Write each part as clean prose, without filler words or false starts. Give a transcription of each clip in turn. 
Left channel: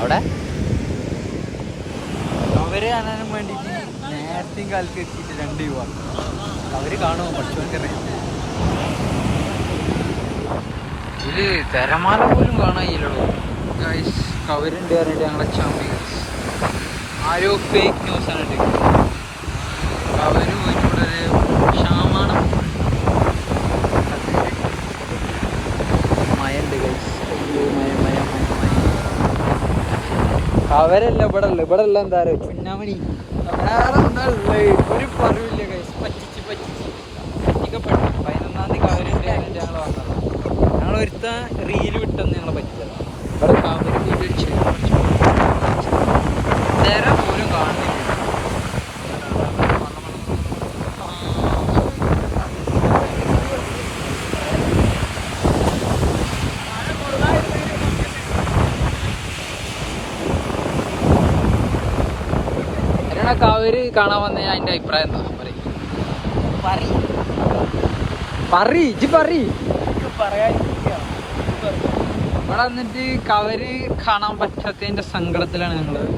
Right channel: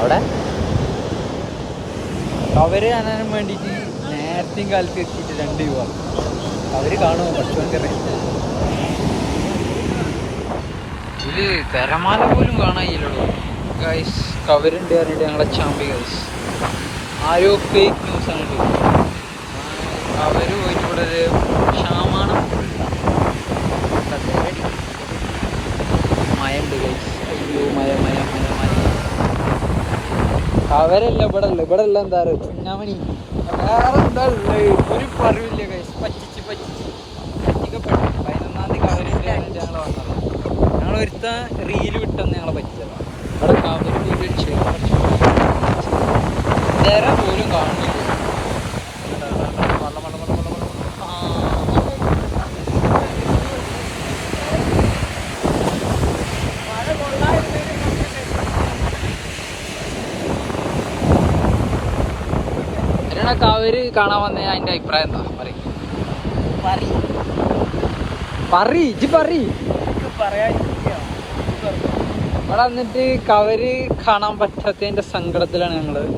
അവിടെ അവര് കാണാനും വേണ്ടിയിട്ട് നേരത്തെയും കാലത്ത് എത്തിയിട്ട് 2 രൂപ അവര് കാണുമോ പഠിച്ചോക്കറിയാം. ഇതില് തിരമാല പോലും കാണാനില്ലടോ ഗൈസ്. കവരുണ്ട് പറഞ്ഞിട്ട് ഞങ്ങളെ ചാമ്പി ഗൈസ്. ആരോ ഫേക്ക് ന്യൂസ് ആണ് ഇട്ട്. കവര് പോയിട്ട് ഇവിടെ ഒരു ക്ഷാമാണ്. മയുണ്ട് ഗൈസ്. അയ്യോ മയ. കവരല്ല ഇവിടെ ഉള്ള എന്താ പറയുക കുഞ്ഞാമണി. വേറെ എന്താ ഉള്ളത് ഒരു പറവില്ല ഗൈസ്. പറ്റിക്കപ്പെട്ടു. 11-ാം തീയതി കവരുണ്ട് പറഞ്ഞിട്ട് ഞങ്ങൾ വന്നതാണ്. ഞങ്ങൾ ഒരുത്ത റീല് വിട്ടെന്ന് ഞങ്ങളെ പറ്റിയതാണ്. ഇവിടെ കവര് പോയിട്ട് തിര പോലും കാണുന്നില്ല. കവര് കാണാൻ വന്ന അതിന്റെ അഭിപ്രായം എന്താ ഇവിടെ വന്നിട്ട് കവര് കാണാൻ പറ്റാത്തതിന്റെ സങ്കടത്തിലാണ് ഞങ്ങള്.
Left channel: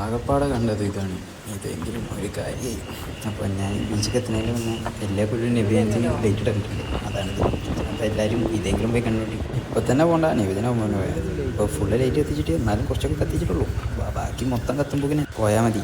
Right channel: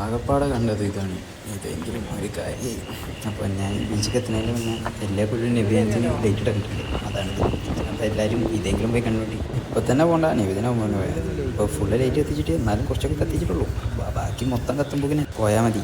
ആകപ്പാടെ കണ്ടത് ഇതാണ്. ഇതെങ്കിലും ഒരു കാര്യമായി. അപ്പോൾ ഞാൻ ബീച്ചിൽ എത്തുന്നതിന് മുന്നേ എല്ലാ കൊല്ലം നബിദിനത്തിന് ഡേറ്റ് ഇട്ടിട്ടുണ്ട്. അതാണിത്. അപ്പോൾ എല്ലാവരും ഇതെങ്കിലും പോയി കണ്ടുപിടി. ഇപ്പോൾ തന്നെ പോകണ്ട, നബിദിനം മുന്നേ പോയത്. ഇപ്പോൾ ഫുള്ള് ലൈറ്റ് എത്തിച്ചിട്ട് എന്നാലും കുറച്ചൊക്കെ കത്തിച്ചിട്ടുള്ളൂ. ബാക്കി മൊത്തം കത്തുമ്പോൾ പോയാൽ മതി.